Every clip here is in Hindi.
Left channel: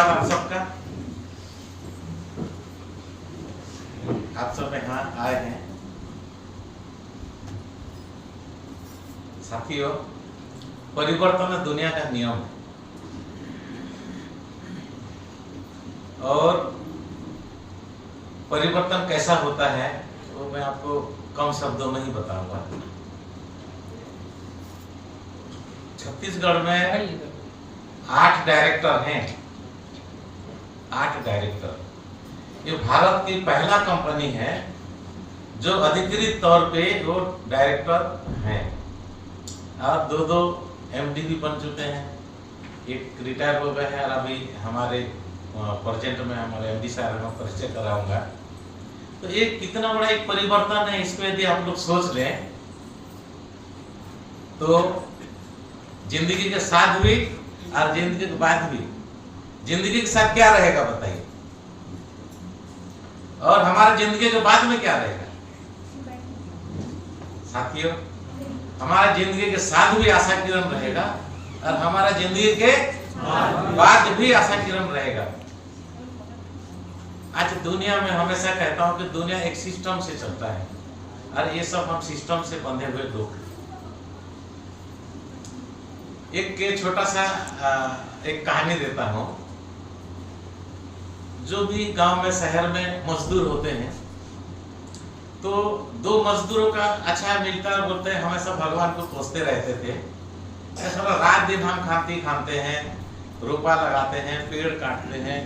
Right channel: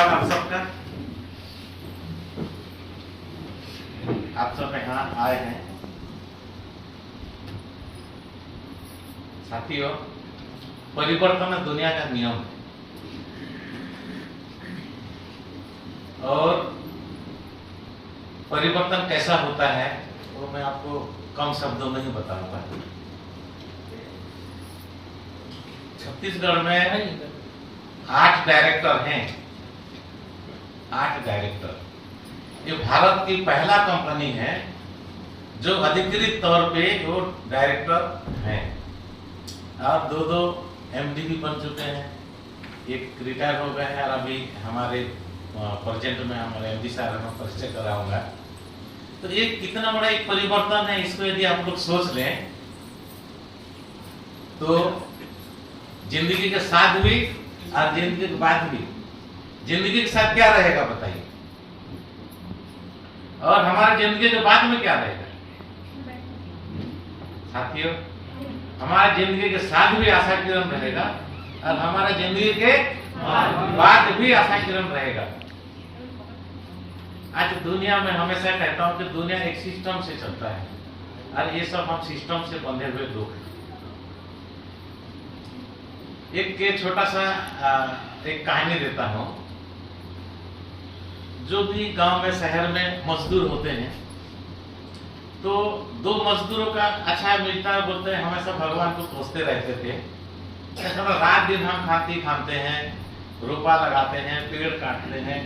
धन्यवाद आप सबका। आप सब यहाँ आए हैं। साथियों, परिवर्तन दुनिया का नियम है और परिवर्तन कैसा होता है वो मैं आपको कम शब्दों में ही बताऊंगा। छत्तीसगढ़ में 8 डायरेक्टर हैं। 8 डायरेक्टर। ये भारत की पहला कंपनी है जो अधिकृत तौर पे वो डायरेक्टर हैं और 2 एमडी भी बन चुके हैं। एक रिटायर हो गए हैं और अभी हमारे प्रेजेंट में हमारे एमडी साहब मैं परिचय कराऊंगा। तो एक कितना बड़ा एक परिवर्तन है, इसको यदि आप लोग सोच लें तो जिंदगी के साथ भी और जिंदगी के बाद भी। जिंदगी के साथ क्या रहेगा बताइए, और हमारा जिंदगी के बाद में क्या रहेगा? साथियों, हमारा जिंदगी के साथ भी आशा किरण रहेगा और हमारा जिंदगी के बाद भी आशा किरण रहेगा। आज दुनिया में हमेशा कहता हूं कि दुनिया एक सिस्टम से चलता है और ये सब हम सिस्टम से बंधे हुए लोग हैं। एक के छोटा सा एक कहानी देता हूं। जो भी गांव में शहर में मजदूर होते हैं तो 2 मजदूरों का अच्छा मिलता है, बोलते हैं हमेशा भगवान को कोसते रहते थे। रात दिन हम खाते हैं, रोपा लगाते हैं, पेड़ काटते हैं,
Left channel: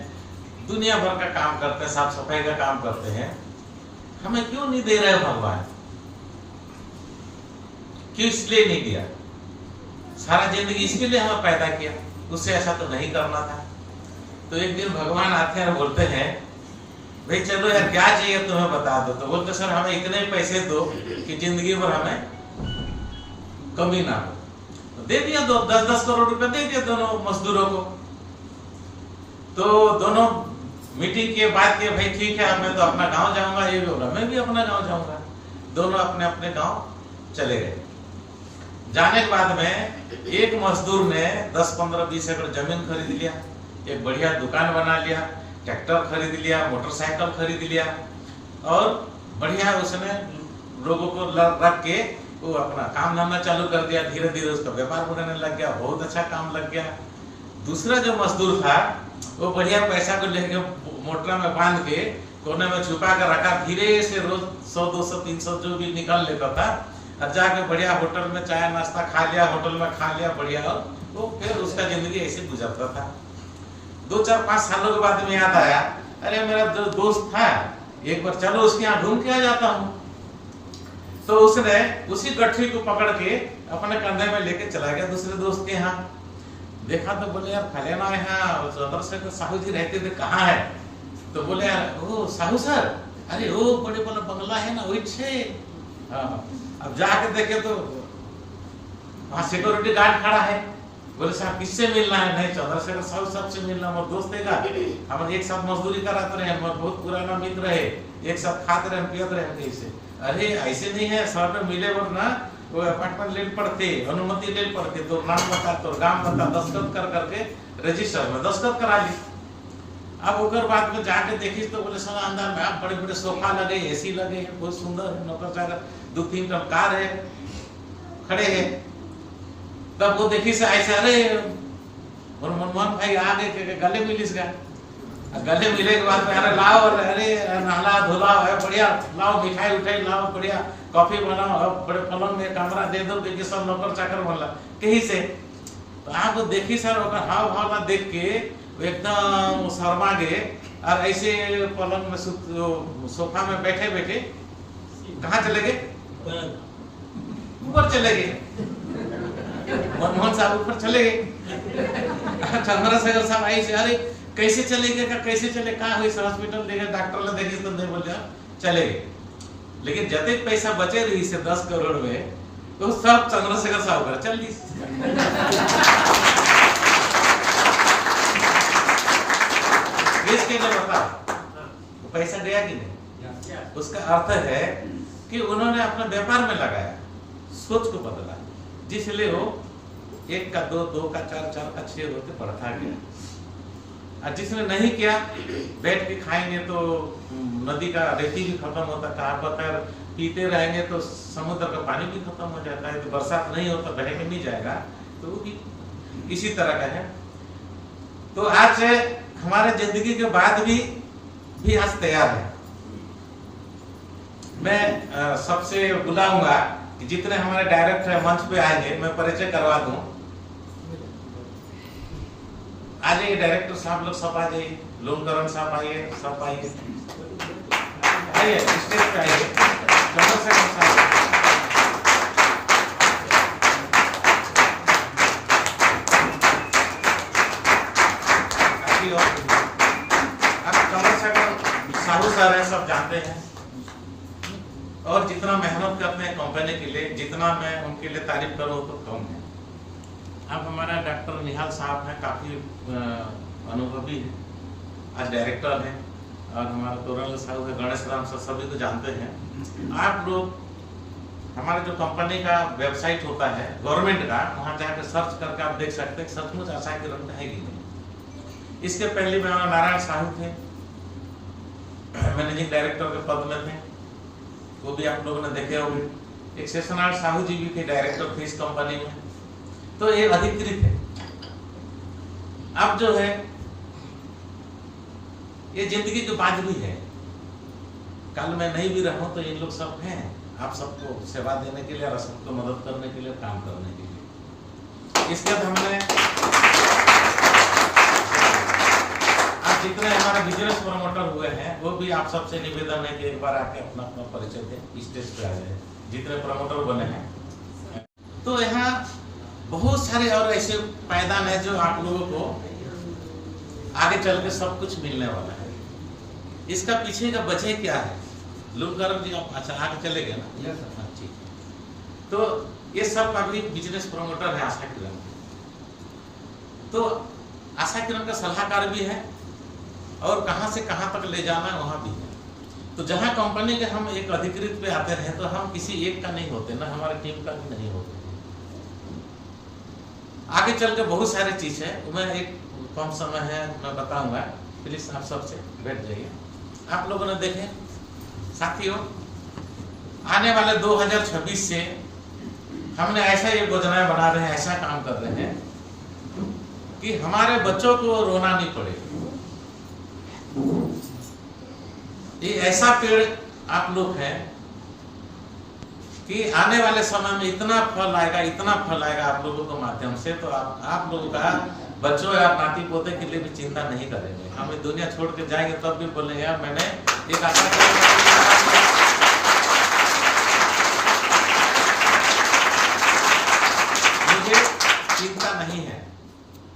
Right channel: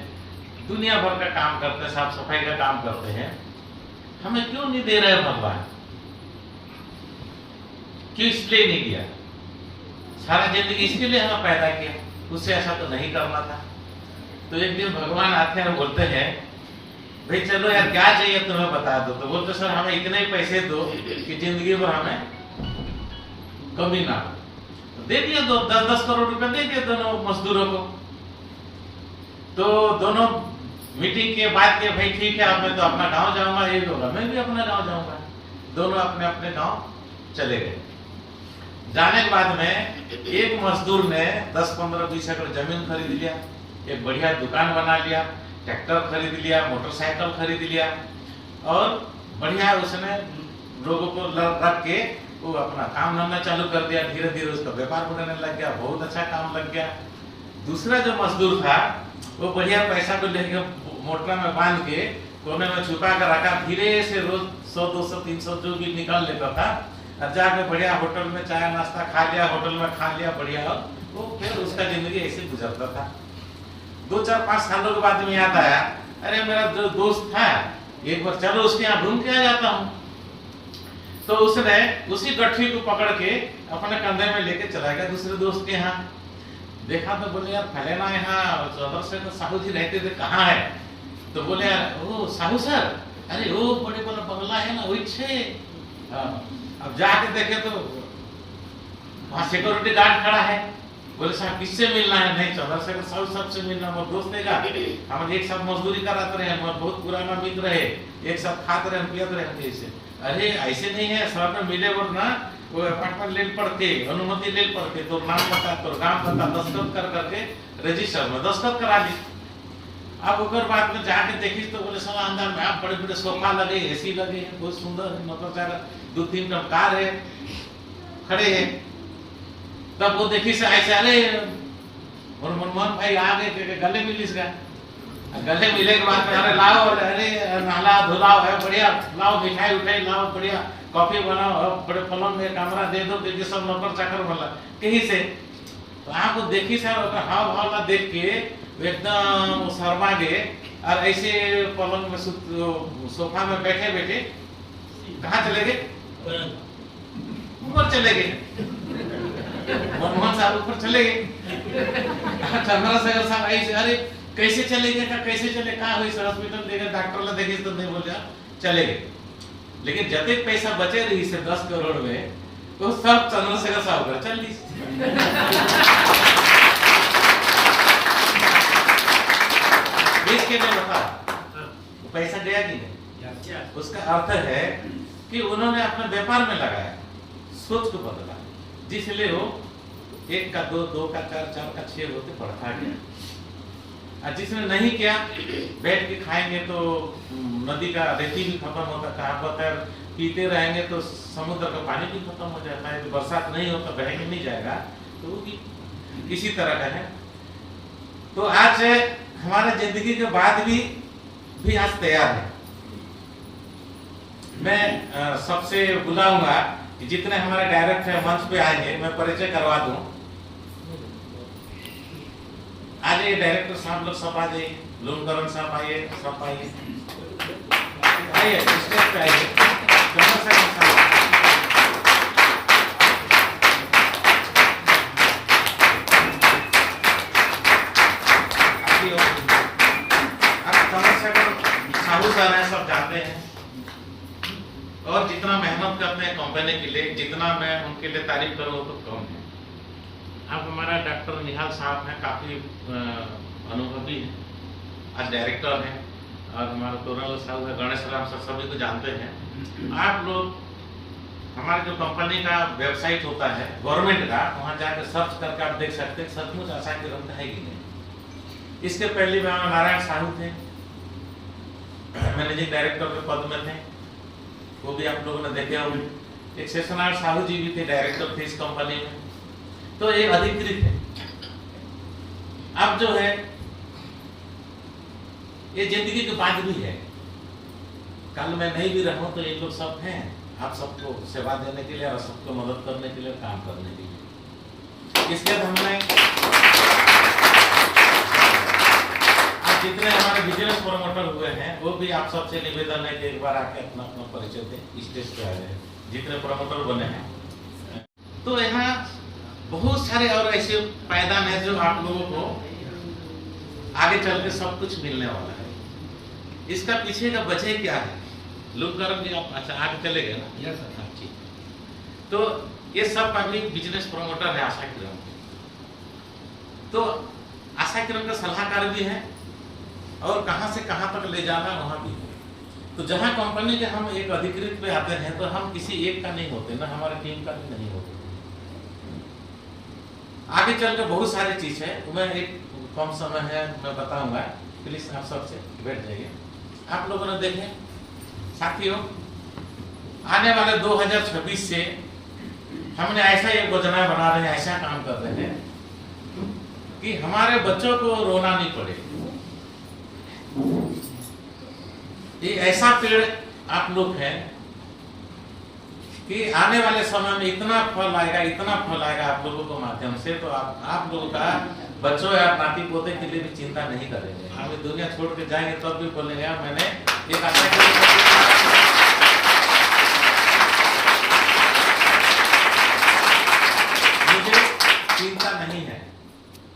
दुनिया भर का काम करते हैं, साफ सफाई का काम करते हैं। हमें क्यों नहीं दे रहे भगवान? क्यों इसलिए नहीं दिया? सारा जिंदगी इसके लिए हमें पैदा किया, उससे ऐसा तो नहीं करना था। तो एक दिन भगवान आते हैं और बोलते हैं भाई चलो यार क्या चाहिए तुम्हें बता दो। तो बोलते सर हमें इतने पैसे दो कि जिंदगी भर हमें कमी ना हो। तो दे दिया 10-10 करोड़ रुपए दे दिए दोनों मजदूरों को। तो दोनों मीटिंग के बाद के भाई ठीक है अब मैं तो अपना गांव जाऊंगा, ये भी होगा, मैं भी अपना गांव जाऊंगा। दोनों अपने अपने गांव चले गए। जाने के बाद में एक मजदूर ने 10-15-20 एकड़ जमीन खरीद लिया, एक बढ़िया दुकान बना लिया, ट्रैक्टर खरीद लिया, मोटरसाइकिल खरीद लिया और बढ़िया उसने लोगों को रख के वो अपना काम धंधा चालू कर दिया। धीरे धीरे उसका व्यापार बढ़ने लग गया, बहुत अच्छा काम लग गया। दूसरा जो मजदूर था वो बढ़िया पैसा को लेके मोटर में बांध के कोने में छुपा कर रखा। धीरे से रोज 100-200-300 जो भी निकल लेता था और जाके बढ़िया होटल में चाय नाश्ता खा लिया, होटल में खा लिया बढ़िया, और वो फिर उसका जिंदगी ऐसे गुजरता था। 2-4-5 सालों के बाद में याद आया, अरे मेरा जो दोस्त था एक बार चलो उसके यहाँ घूम के आ जाता हूँ। तो उसने उसी गठरी को पकड़ के अपने कंधे में लेके चला गया दूसरे दोस्त के यहाँ। देखा तो बोले यार फलाना यहाँ चंद्रशेखर साहू जी रहते थे, कहाँ है? तो बोले यार ओ साहू सर, अरे वो बड़े बड़ा बंगला है ना वही छे। अब जाके देखे तो वहाँ सिक्योरिटी गार्ड खड़ा है। बोले साहब किससे मिलना है? नहीं चंद्रशेखर साहू सबसे मिलना, मोर दोस्त है, हम एक साथ मजदूरी कराते रहे, मोर बहुत पुराना मित्र है, एक साथ खाते रहे पियत रहे ऐसे। अरे ऐसे नहीं है, सर में मिले और ना वो अपार्टमेंट ले पड़ते, अनुमति ले पड़ते, तो नाम बता तो गांव बता, दस्तखत कर करके रजिस्टर में दस्तखत करा ली। अब ओकर बाद में जाके देखी तो बोले सर अंदर में आप बड़े बड़े सोफा लगे, एसी लगे हैं, बहुत सुंदर है, नौकर 2-3 कार है खड़े हैं। तब वो देखी से ऐसे अरे और मनमोहन भाई आ गए, गले मिलिस गए। गले मिले के बाद में अरे लाओ, अरे नहला धुलाओ है बढ़िया, लाओ मिठाई उठाई लाओ बढ़िया, कॉफी बनाओ, बड़े पलंग में कमरा दे दो कि सब नौकर चाकर वाला कहीं से। तो आपको देखी सर हाव भाव ना देख के एकदम शर्मा गए और ऐसे पलंग में सोफा में बैठे बैठे कहाँ चले गए? ऊपर चले गए। मनमोहन साहब ऊपर चले गए। चंद्रशेखर साहब ऐसे अरे कैसे चले गए, कैसे चले, कहाँ हुई हॉस्पिटल देखे, डॉक्टर ने देखी तो नहीं बोले चले गए। लेकिन जते पैसा बचे रही से 10 करोड़ में तो सब चंद्रशेखर साहब का चल दी। के बताओ तो पैसा गया कि नहीं? उसका अर्थ है कि उन्होंने अपने व्यापार में लगाया, सोच को बदला, जिसलिए वो 1 का 2, 2 का 4, 4 का 6 होकर बढ़ता गया। और जिसने नहीं किया, बैठ के खाएंगे तो नदी का रेती भी खत्म होता है, कहाँ पर पीते रहेंगे तो समुद्र का पानी भी खत्म हो जाता है, तो बरसात नहीं हो तो बह के नहीं जाएगा, तो वो भी किसी तरह का है। तो आज हमारे जिंदगी के बाद भी आज तैयार है। मैं सबसे बुलाऊंगा कि जितने हमारे डायरेक्टर मंच पे आएंगे, मैं परिचय करवा दूं। आ जाइए डायरेक्टर साहब लोग सब आ जाइए, लोमकरण साहब आइए, सब आइए, आइए स्टेज पे आइए, साहू सर हैं, सब जानते हैं, और जितना मेहनत करते हैं कंपनी के लिए, जितना मैं उनके लिए तारीफ करूँ तो कम है। अब हमारा डॉक्टर निहाल साहब हैं, काफ़ी अनुभवी है, आज डायरेक्टर हैं, और हमारा तोरण साहब है, गणेश राम सर, सभी को जानते हैं। आप लोग हमारे जो कंपनी का वेबसाइट होता है गवर्नमेंट का, वहाँ जाकर सर्च करके आप देख सकते हैं सचमुच आशा की रंग है कि नहीं। इसके पहले में नारायण साहू थे, मैनेजिंग डायरेक्टर के पद में थे, वो भी आप लोगों ने देखे होंगे। एक शेषनारायण साहू जी भी थे, डायरेक्टर थे इस कंपनी में, तो ये अधिकृत है। अब जो है ये जिंदगी के बाद भी है, कल मैं नहीं भी रहूं तो ये लोग सब हैं, आप सबको सेवा देने के लिए और सबको मदद करने के लिए, काम करने के लिए। इसके बाद हमने आप जितने हमारे बिजनेस प्रमोटर हुए हैं, वो भी आप सबसे निवेदन है कि एक बार आके अपना अपना परिचय दें, स्टेज पे आ जाए, जितने प्रमोटर बने हैं। तो यहाँ बहुत सारे और ऐसे पायदान है जो आप लोगों को आगे चल के सब कुछ मिलने वाला है। इसका पीछे का वजह क्या है? लोकधर्म जी आप अच्छा आगे चले गए ना? यस सर, ठीक है। तो ये सब पब्लिक बिजनेस प्रमोटर है आशा किरण के, तो आशा किरण का सलाहकार भी है, और कहां से कहां तक ले जाना है वहां भी है। तो जहां कंपनी के हम एक अधिकृत पे आते हैं, तो हम किसी एक का नहीं होते ना, हमारी टीम का भी नहीं होते। आगे चल के बहुत सारी चीज है, मैं एक कम समय है मैं बताऊंगा, प्लीज आप सबसे बैठ जाइए। आप लोगों ने देखे साथियों, आने वाले 2026 से हमने ऐसा ये योजनाएं बना रहे हैं, ऐसा काम कर रहे हैं कि हमारे बच्चों को रोना नहीं पड़े। ये ऐसा पेड़ आप लोग हैं कि आने वाले समय में इतना फल आएगा, इतना फल आएगा आप लोगों के माध्यम से, तो आप लोगों का बच्चों या नाती पोते के लिए भी चिंता नहीं करेंगे। हम इस दुनिया छोड़ के जाएंगे तब भी बोलेंगे यार मैंने एक आशा मुझे चिंता नहीं है,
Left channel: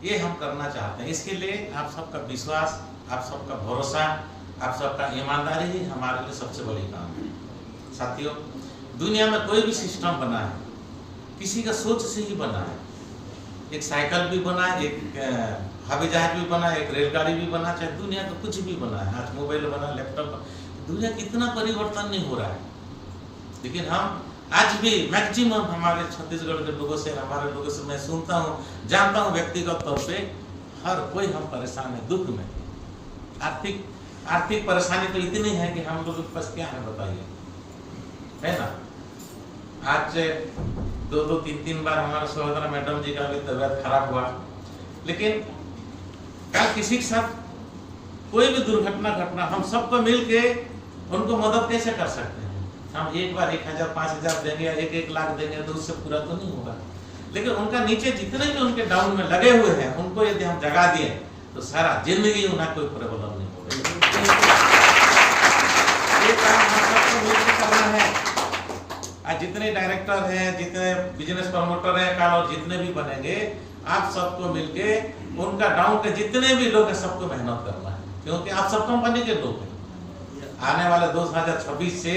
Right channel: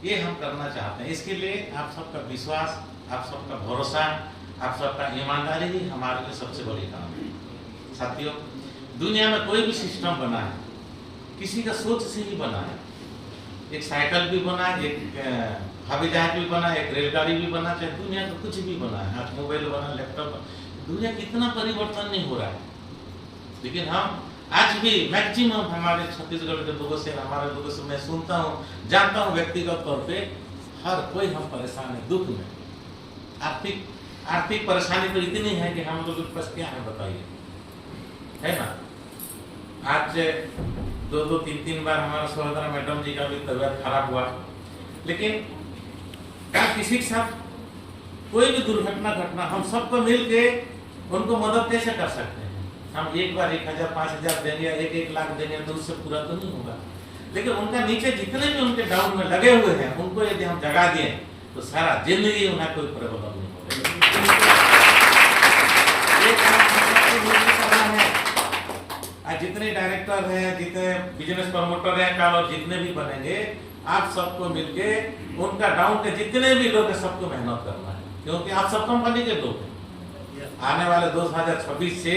ये हम करना चाहते हैं। इसके लिए आप सबका विश्वास, आप सबका भरोसा, आप सबका ईमानदारी ही हमारे लिए सबसे बड़ी काम है। साथियों, दुनिया में कोई भी सिस्टम बना है किसी का सोच से ही बना है। एक साइकिल भी बना, एक हवाई जहाज भी बना, एक रेलगाड़ी भी बना, चाहे दुनिया का कुछ भी बना है, आज मोबाइल बना, लैपटॉप, दुनिया कितना परिवर्तन नहीं हो रहा है। लेकिन हम आज भी मैक्सिमम हमारे छत्तीसगढ़ के लोगों से, हमारे लोगों से मैं सुनता हूँ, जानता हूँ व्यक्तिगत तौर पे, हर कोई हम परेशान है, दुख में। आर्थिक परेशानी तो इतनी है कि हम लोगों के पास क्या है बताइए, है ना। आज 2-3 बार हमारे सहोदरा मैडम जी का भी तबीयत खराब हुआ, लेकिन किसी के साथ कोई भी दुर्घटना घटना, हम सबको मिल के उनको मदद कैसे कर सकते हैं? हम एक बार 1000, 5000 देंगे या 1-1 लाख देंगे तो उससे पूरा तो नहीं होगा। लेकिन उनका नीचे जितने भी उनके डाउन में लगे हुए हैं, उनको यदि हम जगा दिए तो सारा जिंदगी उन्हें कोई प्रॉब्लम नहीं होगा। ये काम हम सबको मिलकर करना है। आज जितने डायरेक्टर हैं, जितने बिजनेस प्रमोटर हैं कल, और जितने भी बनेंगे, आप सबको मिलके उनका डाउन के जितने भी लोग हैं सबको मेहनत करना है, क्योंकि आप सब कंपनी के लोग हैं। आने वाले 2026 से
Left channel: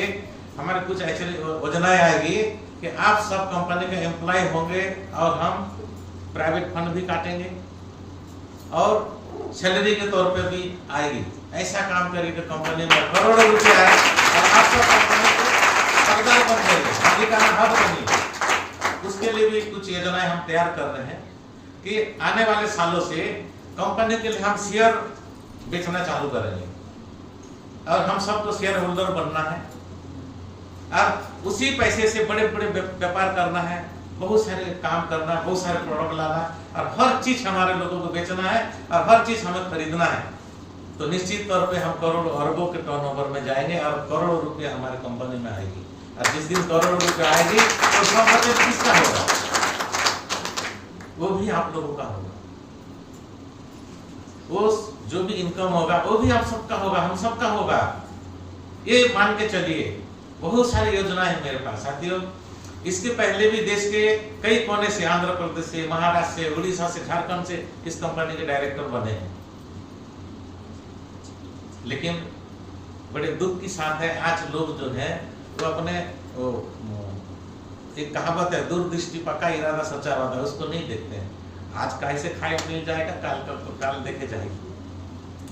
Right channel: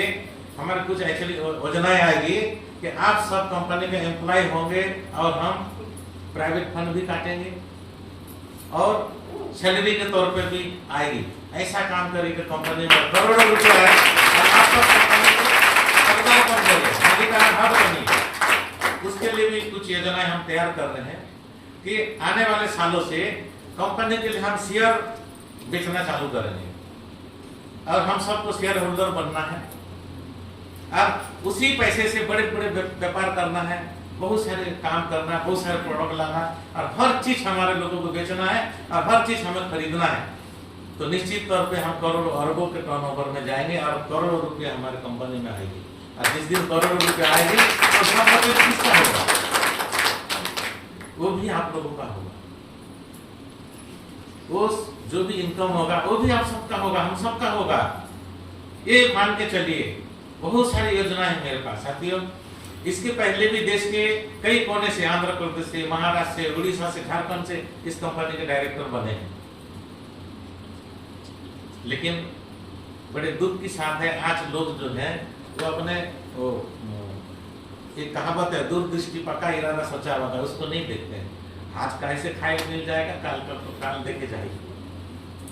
हमारे कुछ ऐसी योजनाएं आएगी कि आप सब कंपनी के एम्प्लॉय होंगे, और हम प्राइवेट फंड भी काटेंगे और सैलरी के तौर पे भी आएगी। ऐसा काम करेंगे कंपनी में करोड़ों रुपए आए, और आप सब कंपनी को सरकार बन जाएगी। उसके लिए भी कुछ योजनाएं हम तैयार कर रहे हैं कि आने वाले सालों से कंपनी के लिए हम शेयर बेचना चालू करेंगे और हम सबको शेयर होल्डर बनना है और उसी पैसे से बड़े बड़े व्यापार करना है, बहुत सारे काम करना है, बहुत सारे प्रोडक्ट लाना और हर चीज हमारे लोगों को बेचना है और हर चीज हमें खरीदना है। तो निश्चित तौर पे हम करोड़ों अरबों के टर्नओवर में जाएंगे और करोड़ों रुपए हमारी कंपनी में आएगी। और जिस दिन करोड़ों रुपए आएगी तो उसका बजट किसका होगा? वो भी आप लोगों का होगा। वो जो भी इनकम होगा वो भी आप सबका होगा, हम सबका होगा। ये मान के चलिए, बहुत सारी योजनाएं हैं मेरे पास साथियों। इसके पहले भी देश के कई कोने से, आंध्र प्रदेश से, महाराष्ट्र से, उड़ीसा से, झारखंड से इस कंपनी के डायरेक्टर बने हैं। लेकिन बड़े दुख की साथ है, आज लोग जो है वो अपने वो एक कहावत है, दूरदृष्टि पक्का इरादा सोचा हुआ था, उसको नहीं देखते हैं। आज कैसे खाए मिल जाएगा, काल देखे जाएगी।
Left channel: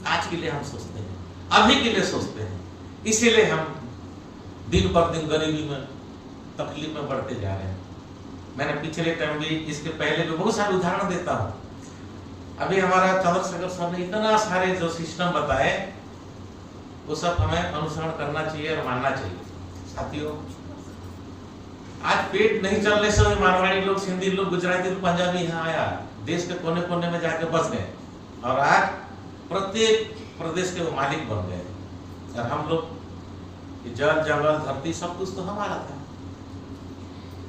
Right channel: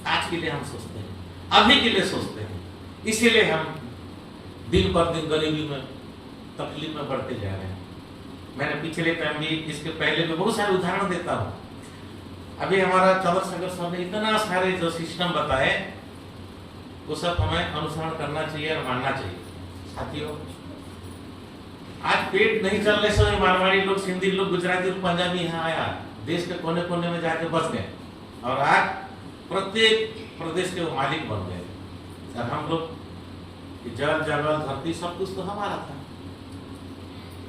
आज के लिए हम सोचते हैं, अभी के लिए सोचते हैं, इसीलिए हम दिन पर दिन गरीबी में, तकलीफ में बढ़ते जा रहे हैं। मैंने पिछले टाइम भी, इसके पहले भी बहुत सारे उदाहरण देता हूँ। अभी हमारा चंद्रशेखर सर ने इतना सारे जो सिस्टम बताए, वो सब हमें अनुसरण करना चाहिए और मानना चाहिए। साथियों, आज पेट नहीं चलने से मारवाड़ी लोग, सिंधी लोग, गुजराती लोग, पंजाबी यहाँ आया, देश के कोने कोने में जाके बस गए और आज प्रत्येक प्रदेश के वो मालिक बन गए। और हम लोग जल, जंगल, धरती सब कुछ तो हमारा था।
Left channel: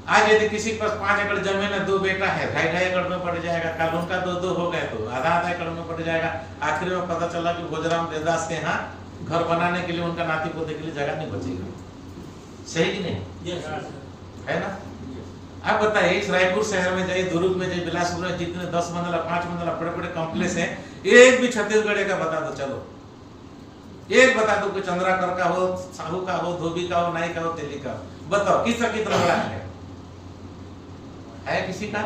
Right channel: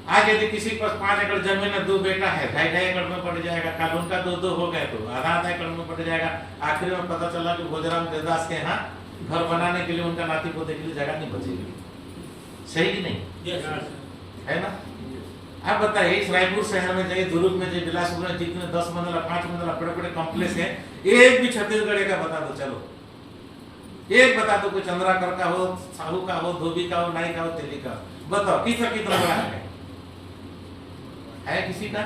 आज यदि किसी के पास 5 एकड़ जमीन है, 2 बेटा है, 2.5 एकड़ में पड़ जाएगा। कल उनका 2 हो गए तो आधा एकड़ में पड़ जाएगा। आखिर में पता चला कि भोजराम देवदास के यहाँ घर बनाने के लिए, उनका नाती पोते के लिए जगह नहीं बचेगी। सही कि नहीं? है ना? आप बताइए, इस रायपुर शहर में जाइए, दुर्ग में जाइए, बिलासपुर में, जितने 10 मंजिला 5 मंजिला बड़े बड़े कॉम्प्लेक्स हैं, एक भी छत्तीसगढ़ का बता दो, चलो एक बता दो कि चंद्राकर का हो, साहू का हो, धोबी का हो, नाई का हो, तेली का हो, बताओ किसका कितना बड़ा है किसी का?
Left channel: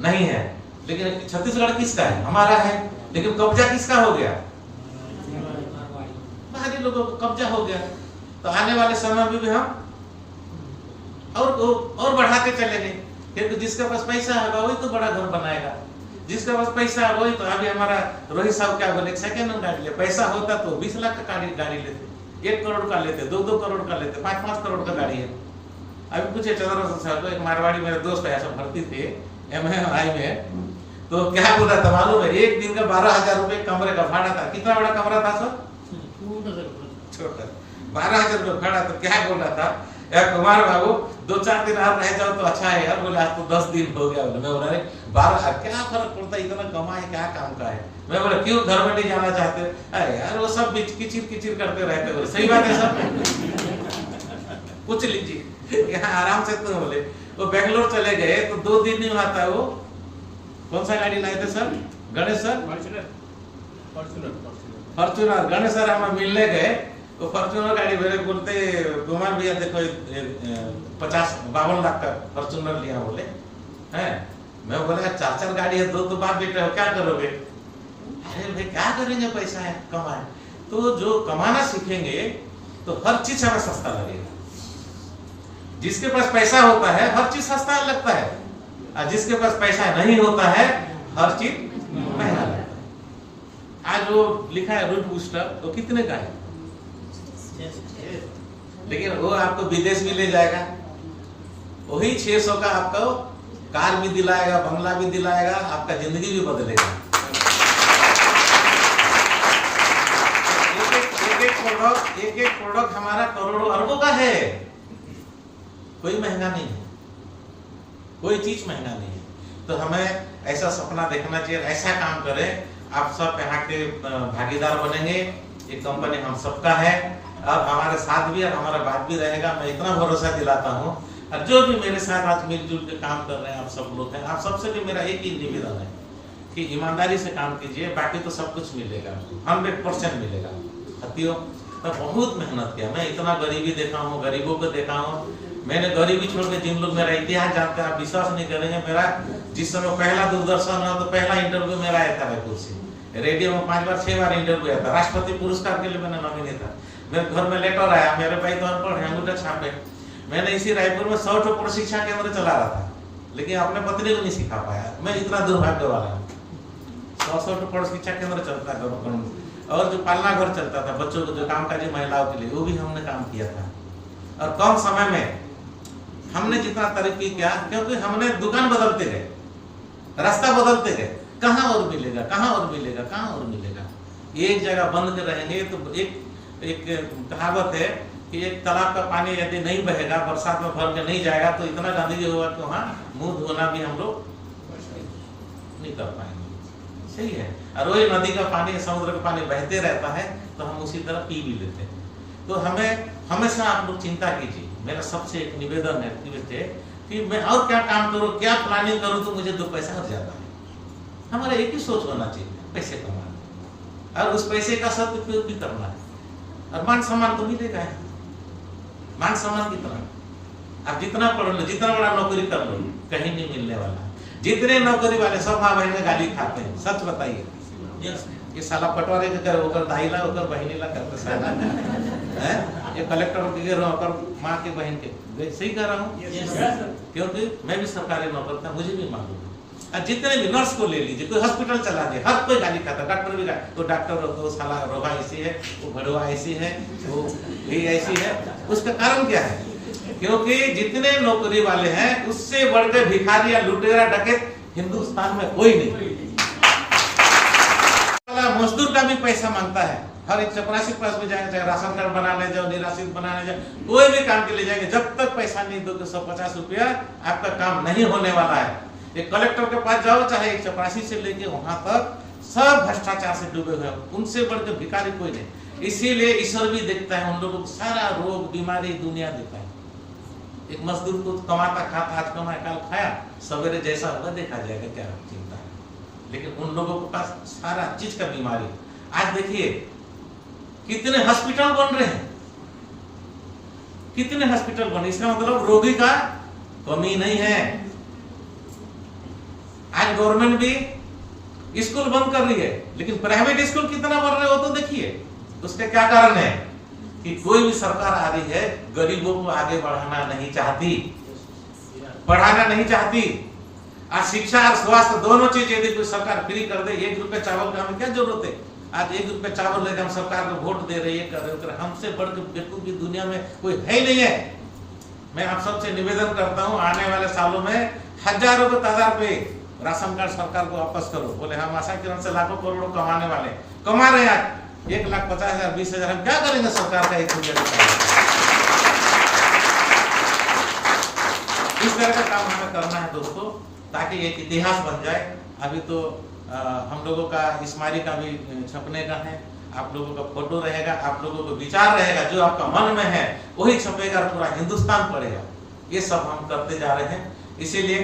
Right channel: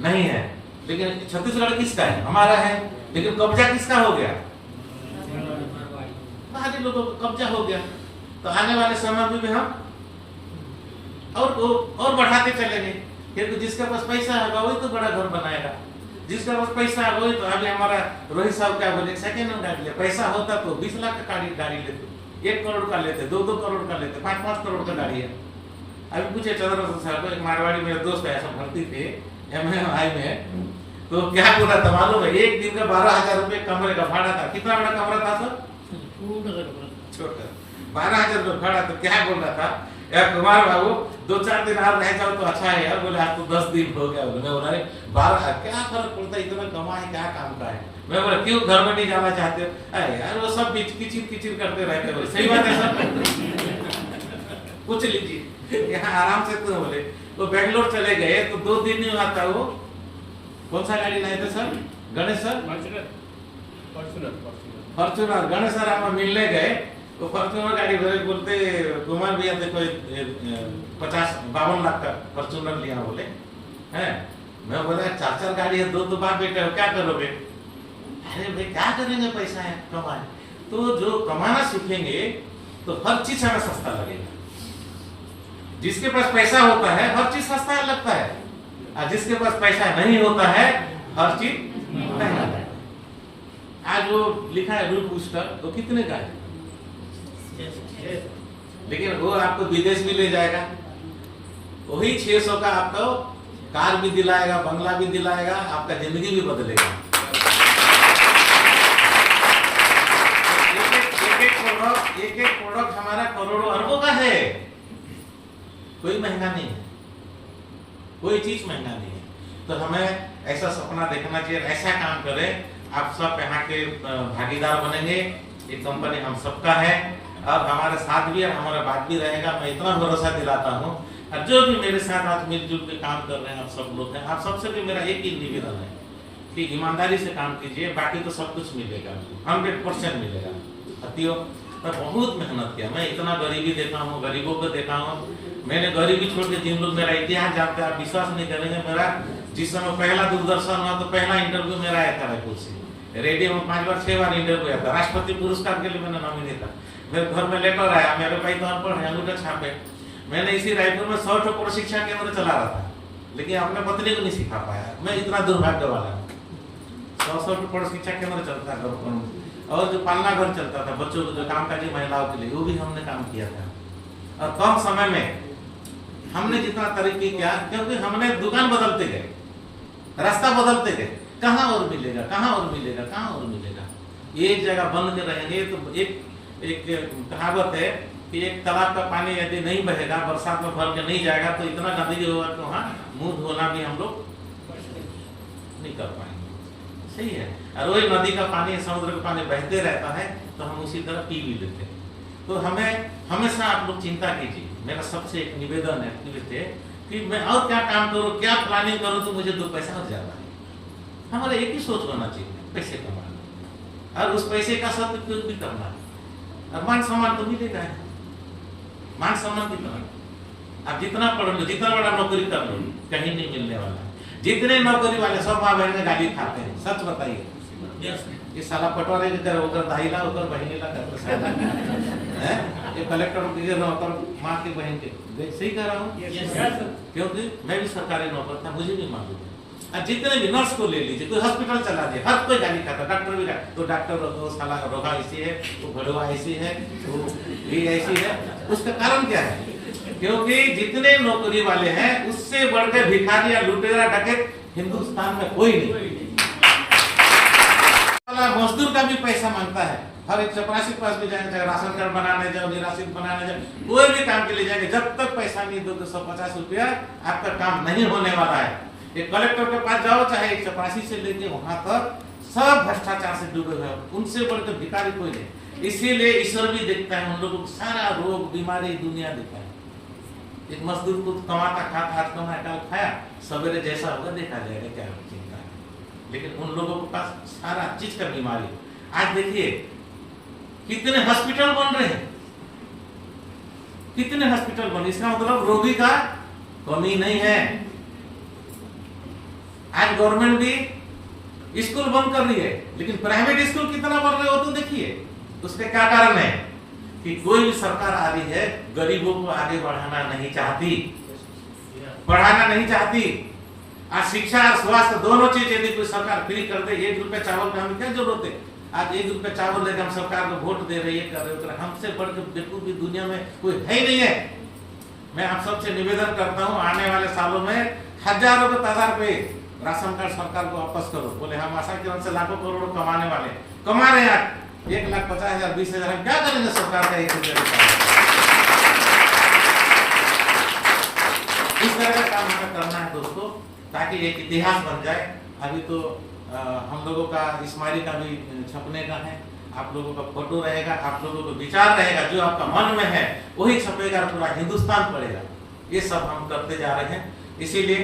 नहीं है। लेकिन छत्तीसगढ़ किसका है? हमारा है। लेकिन कब्जा किसका हो गया? बाकी लोगों को कब्जा हो गया। तो आने वाले समय में भी हम और बढ़ाते चलेंगे, क्योंकि जिसके पास पैसा होगा वही तो बड़ा घर बनाएगा। जिसके पास पैसा है वही तो, अभी हमारा रोहित साहब क्या बोले, सेकेंड हैंड गाड़ी ले, पैसा होता तो 20 लाख का गाड़ी लेते, 1 करोड़ का लेते, 2 करोड़ का लेते, 5 करोड़ का गाड़ी है। अभी पूछे चंद्रशेखर साहब को, एक मारवाड़ी मेरे दोस्त है, सब भर्ती थे MI में, तो क्या बोल रहा था मालूम है? एक दिन का 12,000 रुपए कमरे का भाड़ा था। कितना बड़ा कमरा था सर? छोटा। 12,000 रुपए भाड़ा। तो क्या बोल रहा था, कुमार बाबू 2-4 दिन और रह जाओ तो अच्छा है यार। बोले आज तो 10 दिन हो गया। मैं बोला अरे 12 क्या फर्क पड़ता है, इतना कमा है, क्या काम का है। मैं बोला क्यों घर में नहीं जाना चाहते? अरे यार वो सब किचिर करते रहते हो। सही बात है सर, पूछ लीजिए, यहाँ आराम से। तो बोले वो बेंगलोर चले गए तो 2 दिन नहीं हुआ था। वो कौन सा गाड़ी लाए थे sir? Ganesh sir? Fortuner. Ganesh sir हमें मिलने गए, वो फॉर्च्यूनर गाड़ी भरे, बोलते कुमार भैया देखो 52 लाख का फॉर्च्यूनर लिया। बोले हैं? मैं बोला 4 गाड़ी है, 2 तो बाप बेटा, क्या करोगे? अरे भाई क्या करेंगे, पैसा है कमाए। तो जो कमाना सीखेंगे तो हर चीज हमें सस्ता लगेगा। जिसके पास पैसा होता है हर चीज सस्ता लगता है, और जिसके पास पैसा नहीं होता है हर चीज महंगा लगता है। आज वो लिखा है रूट बूस्टर, तो कितने का है? लेकिन वो आपको विदेश भी ले जाएगा। वही 600 का आपको कार भी दिलाएगा, बंगला भी दिलाएगा, आपका जिंदगी भी बदलेगा। एक एक प्रोडक्ट हमारा करोड़ों अरबों का है। कोई महंगा नहीं है, कोई चीज महंगा नहीं है। तो हमें ऐसा सपना देखना चाहिए, ऐसा काम करें। आप सब यहाँ के भागीदार बनेंगे। ये कंपनी हम सबका है और हमारे साथ भी और हमारा बात भी रहेगा। मैं इतना भरोसा दिलाता हूँ। और जो भी मेरे साथ आज मिलजुल के काम कर रहे हैं, आप सब लोग हैं, आप सबसे भी मेरा एक ही निवेदन है कि ईमानदारी से काम कीजिए, बाकी तो सब कुछ मिलेगा, 100% मिलेगा। साथियों, तो बहुत मेहनत किया। मैं इतना गरीबी देखा हूँ, गरीबों को देखा हूँ। मैंने गरीबी छोड़ के, जिन लोग मेरा इतिहास जानते हैं, आप विश्वास नहीं करेंगे, मेरा जिस समय पहला दूरदर्शन हुआ तो पहला इंटरव्यू मेरा आया था रायपुर से। रेडियो में 5 बार 6 बार इंटरव्यू आया था। राष्ट्रपति पुरस्कार के लिए मैंने नॉमिनी था। मेरे घर में लेटर आया, मेरे भाई तो अनपढ़ है, अंगूठा छापे। मैंने इसी रायपुर में 100 प्रशिक्षण केंद्र चला रहा था, लेकिन अपने पत्नी को नहीं सिखा पाया। मैं इतना दुर्भाग्य वाला हूँ। 100 प्रशिक्षण केंद्र चलता है और जो पालना घर चलता था बच्चों को, जो कामकाजी महिलाओं के लिए, वो भी हमने काम किया था। और कम समय में हमने जितना तरक्की किया, क्योंकि हमने दुकान बदलते गए, रास्ता बदलते गए, कहाँ और मिलेगा, कहाँ और मिलेगा, कहाँ और मिलेगा। एक जगह बंद के रहेंगे तो एक कहावत है कि एक तालाब का पानी यदि नहीं बहेगा, बरसात में भर के नहीं जाएगा, तो इतना गंदगी होगा कि वहाँ मुंह धोना भी हम लोग नहीं कर पाएंगे। सही है। और वही नदी का पानी, समुद्र का पानी बहते रहता है, तो हम उसी तरह पी भी लेते हैं। तो हमें हमेशा आप लोग चिंता कीजिए। मेरा सबसे एक निवेदन है कि मैं और क्या काम करूं, क्या प्लानिंग करूं तो मुझे 2 पैसा और ज्यादा है। हमारा एक ही सोच होना चाहिए, पैसे कमाना, और उस पैसे का सदुपयोग भी करना है। और मान सम्मान तो मिलेगा है, मान सम्मान कितना, आप जितना पढ़ लो, जितना बड़ा नौकरी कर लो, कहीं नहीं मिलने वाला। जितने नौकरी वाले सब माँ बहन में गाली खाते हैं, सच बताइए। ये साला पटवारी के करे होकर दाईला होकर बहनीला करते साला है, ये कलेक्टर के होकर माँ के बहन के, सही कह रहा हूँ। क्योंकि मैं भी सरकारी नौकर था, मुझे भी मालूम है। और जितने भी नर्स को ले लीजिए, कोई हॉस्पिटल चला दिए, हर कोई गाली खाता, डॉक्टर भी गाली, तो डॉक्टर वो साला रोगा ऐसी है, वो भड़वा ऐसी है, वो भी ऐसी है। उसका कारण क्या है? क्योंकि जितने नौकरी वाले हैं उससे बढ़कर भिखारी या लुटेरा डकैत हिंदुस्तान में कोई नहीं। मजदूर का भी पैसा मांगता है, हर एक चपरासी के पास भी जाएंगे, चाहे राशन कार्ड बनाने जाओ, निराश्रित बनाने जाओ, कोई भी काम के लिए जाएंगे, जब तक पैसा नहीं दोगे 150 रुपया आपका काम नहीं होने वाला है। एक कलेक्टर के पास जाओ, चाहे एक चपरासी से लेके वहां तक, सब भ्रष्टाचार से डूबे हुए, उनसे बढ़कर भिखारी कोई नहीं। इसीलिए ईश्वर भी देखता है, हम लोगों को सारा रोग बीमारी दुनिया देता है। एक मजदूर को कमाता खाता, आज कमाया कल खाया, सवेरे जैसा होगा देखा जाएगा, क्या चिंता है। लेकिन उन लोगों के पास सारा चीज का बीमारी। आज देखिए कितने हॉस्पिटल बन रहे हैं, कितने हॉस्पिटल बन, इसका मतलब रोगी का कमी नहीं है। आज गवर्नमेंट भी स्कूल बंद कर रही है, लेकिन प्राइवेट स्कूल कितना बन रहे हो तो देखिए। उसके क्या कारण है कि कोई भी सरकार आ रही है गरीबों को आगे बढ़ाना नहीं चाहती, बढ़ाना नहीं चाहती। आज शिक्षा और स्वास्थ्य दोनों चीज यदि कोई सरकार फ्री कर दे, 1 रुपए चावल का हमें क्या जरूरत है? आज 1 रुपए चावल लेकर हम सरकार को वोट दे रही है, कर रहे हो, हमसे बढ़कर बेवकूफ भी दुनिया में कोई है ही नहीं है। मैं आप सबसे निवेदन करता हूँ, आने वाले सालों में हजारों के तादाद पे राशन कार्ड सरकार को वापस करो। बोले हम आशा किरण से लाखों करोड़ों कमाने वाले, कमा रहे हैं। 1,50,000 20,000 हम क्या करेंगे सरकार का 1 रुपया? इस तरह का काम हमें करना है दोस्तों, ताकि एक इतिहास बन जाए। अभी तो हम लोगों का स्मारक भी छपने का है, आप लोगों का फोटो रहेगा, आप लोगों का विचार रहेगा, जो आपका मन में है वही छपेगा, पूरा हिंदुस्तान पढ़ेगा। ये सब हम करते जा रहे हैं। इसीलिए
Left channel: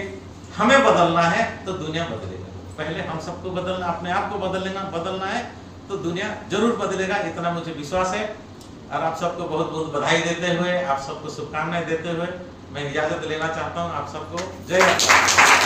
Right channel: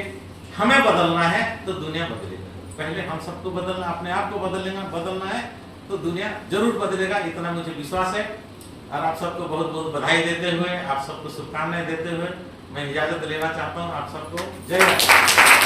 हमें बदलना है तो दुनिया बदलेगा। पहले हम सबको बदलना, अपने आप को बदलना है तो दुनिया जरूर बदलेगा, इतना मुझे विश्वास है। और आप सबको बहुत बहुत बधाई देते हुए, आप सबको शुभकामनाएं देते हुए मैं इजाजत लेना चाहता हूँ। आप सबको जय माता।